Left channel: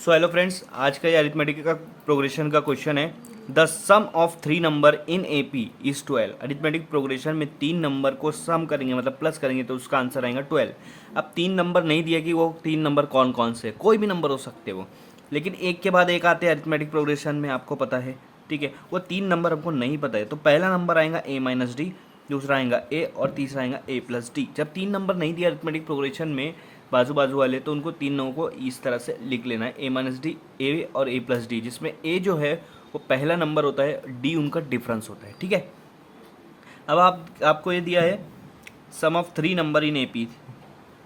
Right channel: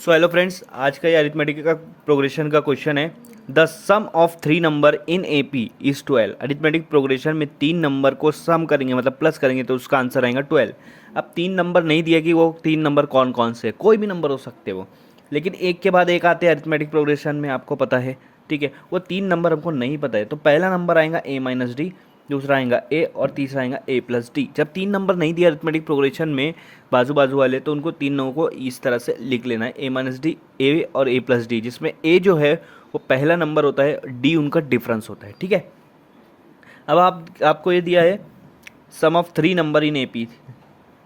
So hello friends, आज का ये अरिथमेटिक का प्रोग्रेशन का क्वेश्चन है। The sum of 3 number in AP is 12। Arithmetic progression में 3 नंबर को सम करेंगे मतलब प्लस करेंगे तो उसका आंसर आएगा 12। अब 3 नंबर नहीं दिया कि वो 3 नंबर कौन कौन से, कोई भी नंबर हो सकते वो, लेकिन एक के बाद एक आते हैं अरिथमेटिक प्रोग्रेशन में, आपको पता है। ठीक है, वो 3 नंबर हमको नहीं पता है, तो पहला नंबर आएगा ए माइनस डी, दूसरा आएगा ए और तीसरा आएगा ए प्लस डी। जब 3 नंबर नहीं दिया अरिथमेटिक प्रोग्रेशन में बाजू बाजू वाले, तो उनको 3 को इस तरह से लिख लेना है, ए माइनस डी, ए और ए प्लस डी, जिसमें ए जो है वो पहला नंबर होता है, डी उनका डिफरेंस होता है। ठीक है, अब आपको ये दिया है सम ऑफ 3 नंबर इन एपी,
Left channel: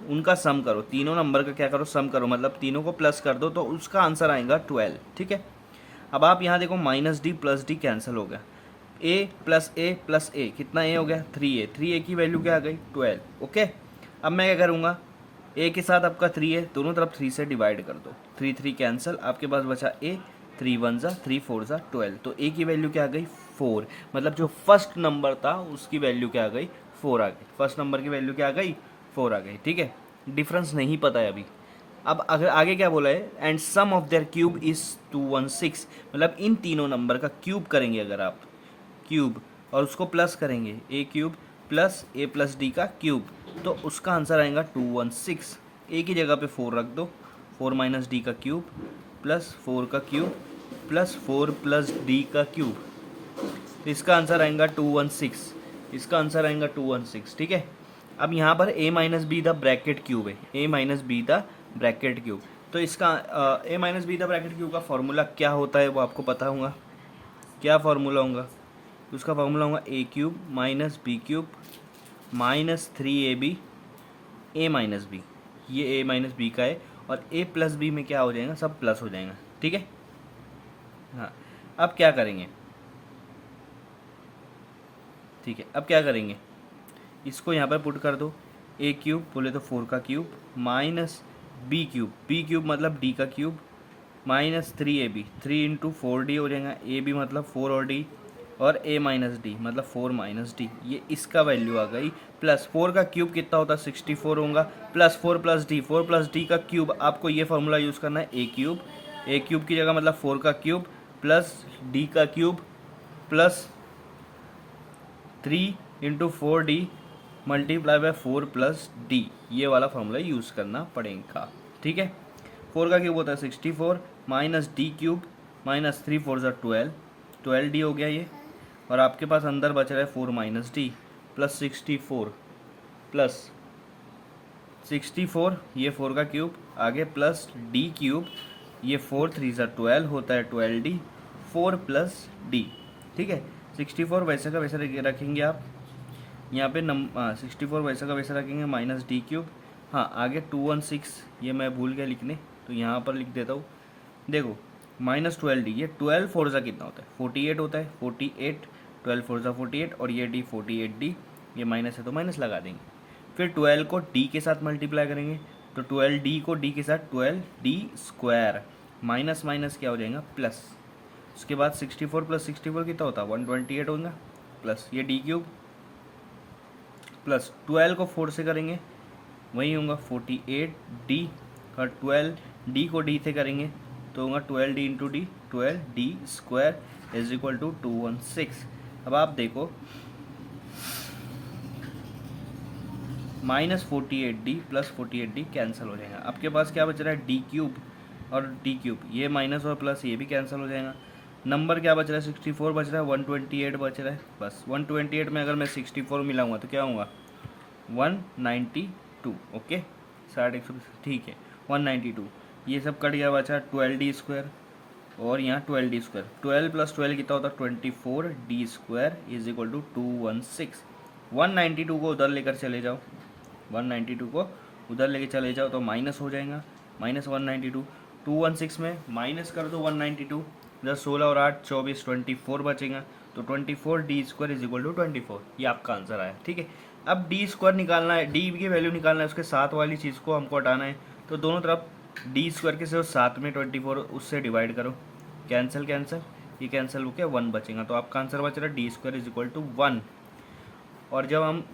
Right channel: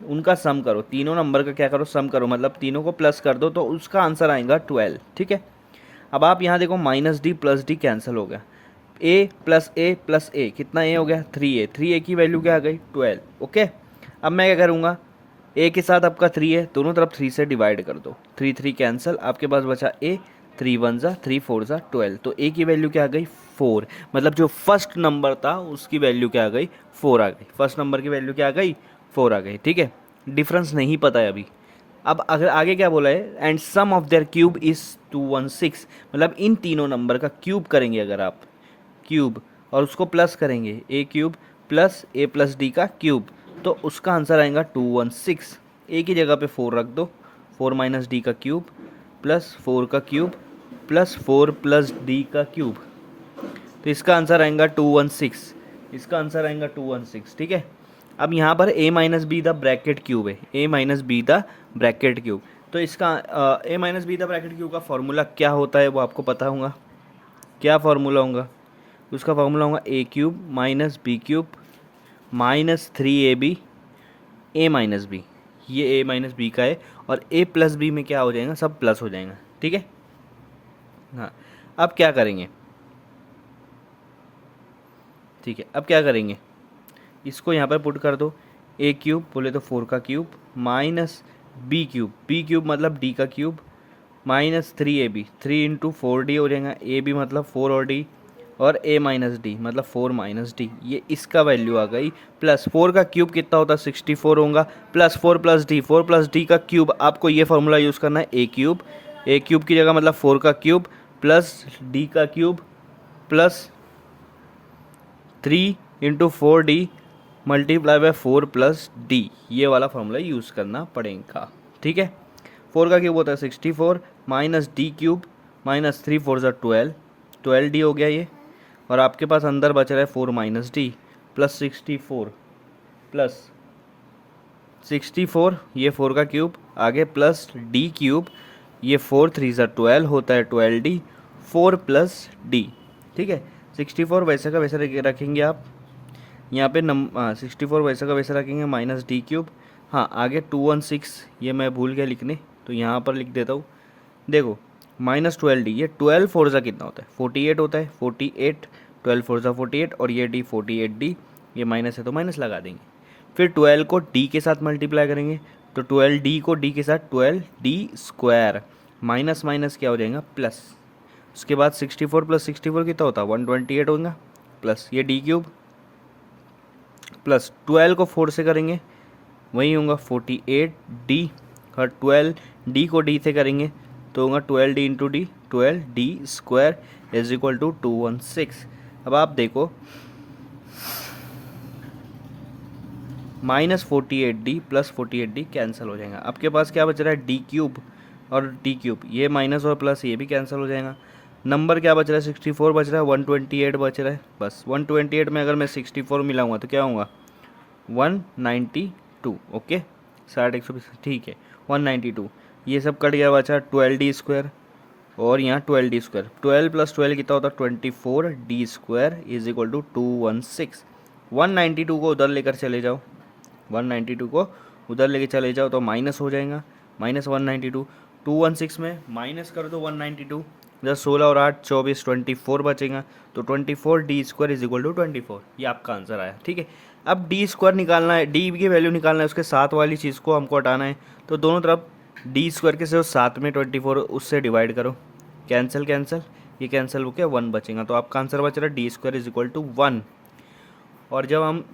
उनका सम करो, तीनों नंबर का क्या करो, सम करो, मतलब तीनों को प्लस कर दो तो उसका आंसर आएगा 12। ठीक है, अब आप यहाँ देखो minus D plus D cancel हो गया, ए प्लस ए कितना ए हो गया 3a, 3a की वैल्यू क्या आ गई 12। ओके, अब मैं क्या करूँगा, ए के साथ आपका 3 है, दोनों तरफ 3 से डिवाइड कर दो, 3 3 कैंसिल, आपके पास बचा ए, 3 1 ज़ा 3 4 ज़ा 12, तो ए की वैल्यू क्या आ गई 4, मतलब जो फर्स्ट नंबर था उसकी वैल्यू क्या आ गई 4 आ गई, फर्स्ट नंबर की वैल्यू क्या आ गई 4 आ गई। ठीक है, डिफरेंस नहीं पता है अभी। अब अगर आगे क्या बोला है, and sum of their cube is 216, मतलब इन तीनों नंबर का क्यूब करेंगे अगर आप, क्यूब और उसको प्लस करेंगे, ए क्यूब प्लस ए प्लस डी का क्यूब, तो उसका आंसर आएगा 216। ए की जगह पे 4 रख दो, 4 माइनस डी का क्यूब प्लस 4 का क्यूब प्लस 4 प्लस डी का क्यूब, तो इसका आंसर आएगा 216, इसका आंसर आएगा 216। ठीक है, अब यहाँ पर a minus b the bracket cube है, a minus b the bracket cube, तो इसका a minus b the bracket cube का फॉर्मूला क्या होता है वो आपको पता होगा, क्या फार्मूला होगा, उसका फार्मूला होगा a cube minus b cube minus 3ab a minus b, ये ए माइनस बी का है, और ए प्लस बी में क्या हो जाएगा, सब प्लस हो जाएगा। ठीक है, हाँ, अब क्या करेंगे, ठीक है, अब क्या करेंगे, इसको यहाँ पर पुट कर दो, ए क्यूब बोले तो 4 का क्यूब माइनस बी क्यूब मतलब डी का cube minus 3ab, 3 into 4d हो जाएगा, ए बी मतलब 4 और डी, और ए माइनस डी मतलब 4 माइनस डी, ये इसका वैल्यू आ गई, प्लस 4 का क्यूब कितना होता है 64 होगा, plus 4 plus D, 4 plus D का क्यूब, आपको ये फार्मूला यूज़ करना है, ए क्यूब की जगह मतलब 4 का क्यूब प्लस डी का cube plus 3 into 4d multiply by 4 plus D, ये वाला फार्मूला यूज़ करना पड़ेगा। ठीक है, 4 का क्यूब होता है 64 माइनस डी क्यूब माइनस 3 4 ज़ा 12, 12d हो गया ये, और आपके पास अंदर बच रहा है 4 माइनस डी प्लस 64 प्लस 64, ये 4 का क्यूब आगे प्लस डी क्यूब, ये 4 3 ज़ा 12 होता है 12d, 4 प्लस डी। ठीक है, 64 वैसे का वैसे रखेंगे आप, यहाँ पे 64 वैसे का वैसे रखेंगे माइनस डी क्यूब, हाँ आगे 216, ये मैं भूल गया लिखने तो यहाँ पर लिख देता हूँ, देखो माइनस 12d, ये 12 फोर ज़ा कितना होता है 48 होता है, 48, 12 फोर ज़ा 48, और ये डी 48d, ये माइनस है तो माइनस लगा देंगे, फिर 12 को डी के साथ मल्टीप्लाई करेंगे, तो 12d को डी के साथ 12d स्क्वायर, माइनस माइनस क्या हो जाएगा प्लस, उसके बाद 64 प्लस 64 कितना होता है 128 होगा, प्लस ये डी क्यूब प्लस 12 को 4 से करेंगे वही होगा 48d, और 12d को d से करेंगे तो होगा 12d into D, 12d square is equal to 216। अब आप देखो minus 48d plus 48d cancel हो जाएगा, आपके पास क्या बच रहा है डी क्यूब और डी क्यूब, ये माइनस और प्लस ये भी कैंसिल हो जाएगा, नंबर क्या बच रहा है 64 बच रहा है, 128 बच रहा है, बस 128 में अगर मैं 64 मिलाऊंगा तो क्या होगा 192। ओके, 60 120, ठीक है 192, ये सब कट गया, बचा 12d स्क्वायर, और यहाँ 12d स्क्वायर, 12 प्लस 12 कितना होता है 24d square is equal to 216। 192 को उधर लेकर चले जाओ, 192 को उधर लेके चले जाओ तो माइनस हो जाएगा, माइनस 192, 216 में माइनस कर दो 192, जब 16 और 8 24 24 बचेगा, तो 24d square is equal to 24, ये आपका आंसर आया। ठीक है, अब डी स्क्वायर निकालना है, डी की वैल्यू निकालना है, उसके साथ वाली चीज़ को हमको हटाना है, तो दोनों तरफ डी स्क्वायर के सिर्फ साथ में 24 उससे डिवाइड करो, कैंसिल कैंसिल, ये कैंसिल हो गया 1 बचेगा, तो आपका आंसर बच रहा है D square is equal to 1। और जब हम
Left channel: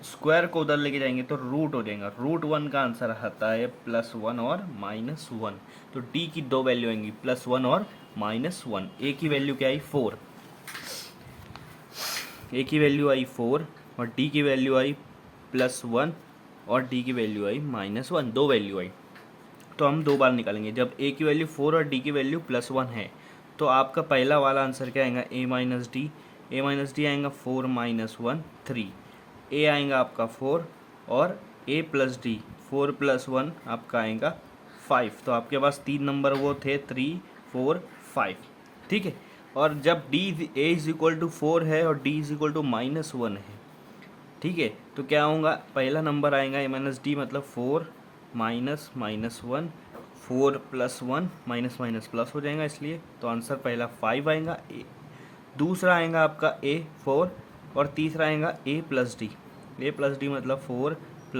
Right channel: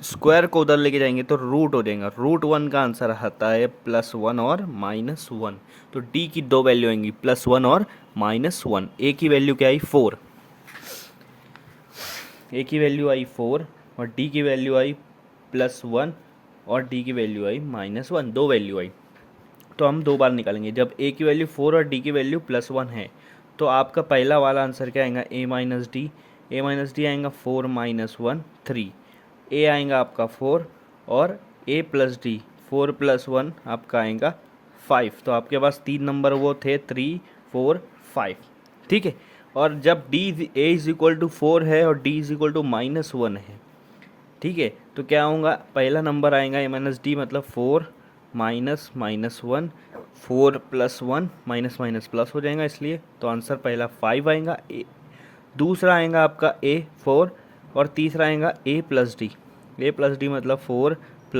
स्क्वायर को उधर लेके जाएंगे तो रूट हो जाएगा, रूट वन का आंसर आता है +1 और -1। तो डी की दो वैल्यू आएंगी +1 और -1। ए की वैल्यू क्या आई 4, ए की वैल्यू आई 4 और डी की वैल्यू आई +1 और डी की वैल्यू आई -1, दो वैल्यू आई। तो हम दो बार निकालेंगे। जब ए की वैल्यू 4 और डी की वैल्यू +1 है तो आपका पहला वाला आंसर क्या आएगा, ए माइनस डी। ए माइनस डी आएगा 4 - 1 3। ए आएगा आपका 4 और ए प्लस डी 4 + 1 आपका आएगा 5। तो आपके पास तीन नंबर वो थे 3 4 5, ठीक है। और जब D A is equal to 4 है और डी इज इक्वल टू -1 है, ठीक है, तो क्या होगा, पहला नंबर आएगा ए माइनस डी मतलब 4 माइनस -1, 4 + 1 माइनस माइनस प्लस हो जाएगा इसलिए। तो आंसर पहला 5 आएगा। दूसरा आएगा आपका ए 4 और तीसरा आएगा ए प्लस डी। ए प्लस डी मतलब 4 +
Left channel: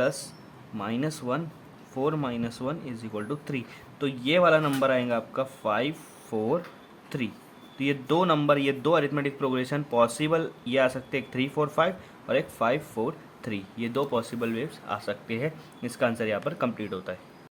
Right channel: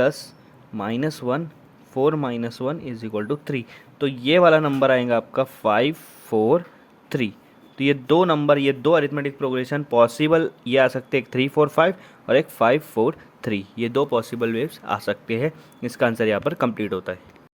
-1, 4 - 1 इज इक्वल टू 3। तो ये वाला नंबर आएगा आपका 5 4 3। तो ये दो नंबर, ये दो अरिथमेटिक प्रोग्रेशन पॉसिबल ये आ सकते हैं, एक 3 4 5 और एक 5 4 3। ये दो पॉसिबल वेव्स आ सकते हैं। इसका आंसर यहाँ पर कंप्लीट होता है।